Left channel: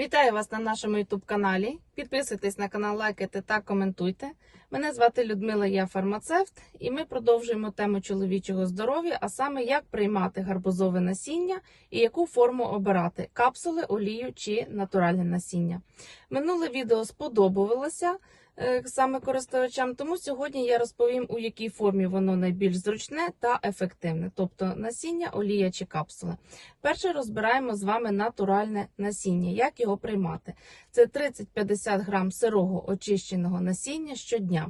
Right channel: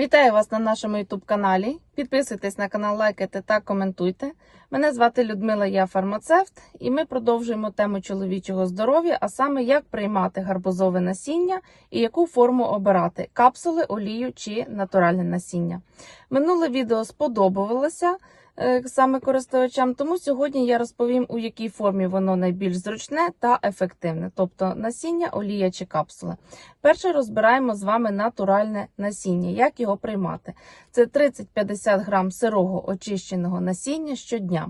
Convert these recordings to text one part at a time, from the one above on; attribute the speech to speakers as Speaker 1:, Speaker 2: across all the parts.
Speaker 1: Вітаю вас на нашому youtube каналі. Підписуйтесь на канал, лайкайте та коментуйте. Мене звати Людмила, я фармацевт, і ми продовжуємо тему чоловічого здоров'я, а саме як приймати гарбузове насіння і яку форму обирати капсули, олію чи натуральне насіння. Минуле відео сподобалося саме користувачам, тому сьогодні я розповім, у якій формі воно найбільш зручне та ефективне, тобто насіння, олія чи капсули. Перше розбираємо з вами натуральне насіння, як його приймати. Це 30-50 грам сирого очищеного насіння щодня.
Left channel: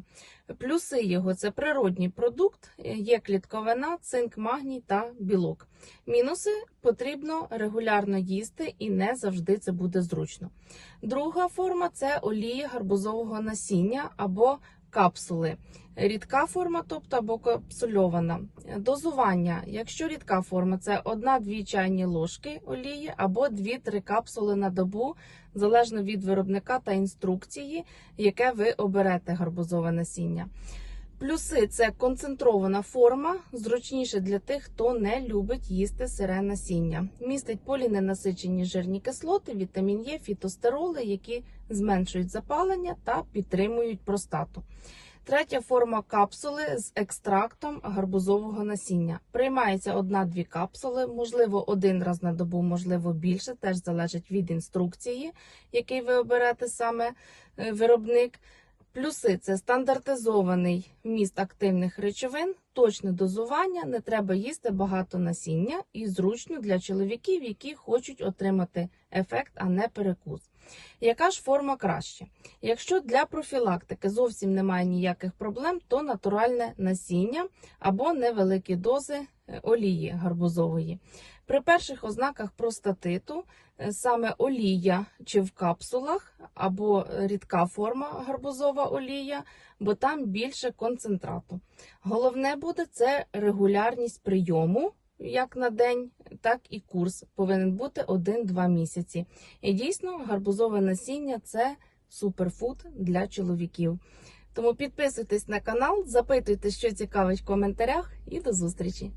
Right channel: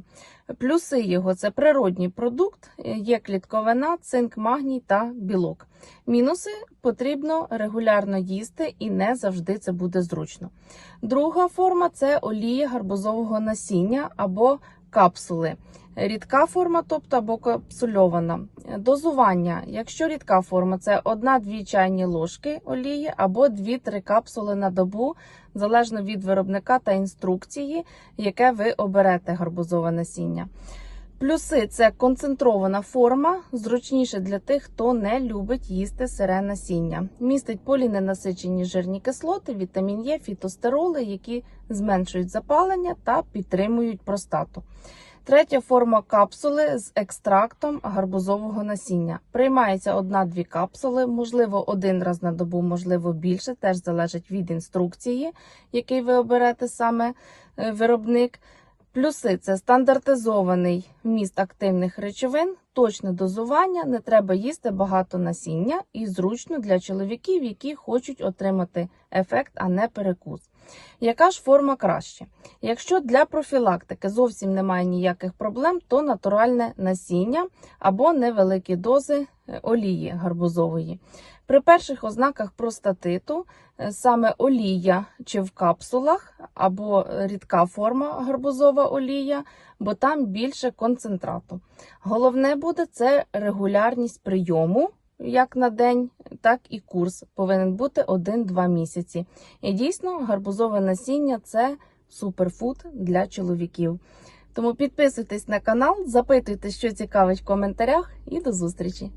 Speaker 1: Плюси його це природній продукт, є клітковина, цинк, магній та білок. Мінуси потрібно регулярно їсти і не завжди це буде зручно. Друга форма це олії гарбузового насіння або капсули. Рідка форма, тобто або капсульована. Дозування. Якщо рідка форма, це 1-2 чайні ложки олії або 2-3 капсули на добу, залежно від виробника та інструкції, яке ви оберете гарбузове насіння. Плюси це концентрована форма, зручніше для тих, хто не любить їсти сире насіння. Містить поліненасичені жирні кислоти, вітамін Е, фітостероли, які зменшують запалення та підтримують простату. Третя форма капсули з екстрактом гарбузового насіння. Приймається одна-дві капсули, можливо, один раз на добу, можливо, більше, теж залежить від інструкції, який ви оберете саме е, виробник. Плюси це стандартизований вміст активних речовин, точне дозування, не треба їсти багато насіння і зручно для чоловіків, які хочуть отримати ефект, а не перекус. Яка ж форма краще? Якщо для профілактики зовсім немає ніяких проблем, то натуральне насіння або невеликі дози е, олії гарбузової. При перших ознаках простатиту е, саме олія чи в капсулах, або рідка форма гарбузова олія, бо там більше концентрату. Головне буде це регулярність прийому. Як на день, так і курс повинен бути 1-2 місяці. І дійсно, гарбузове насіння це суперфуд для чоловіків. Тому підписуйтесь на канал, запитуйте, що цікавить в коментарях, і до зустрічі!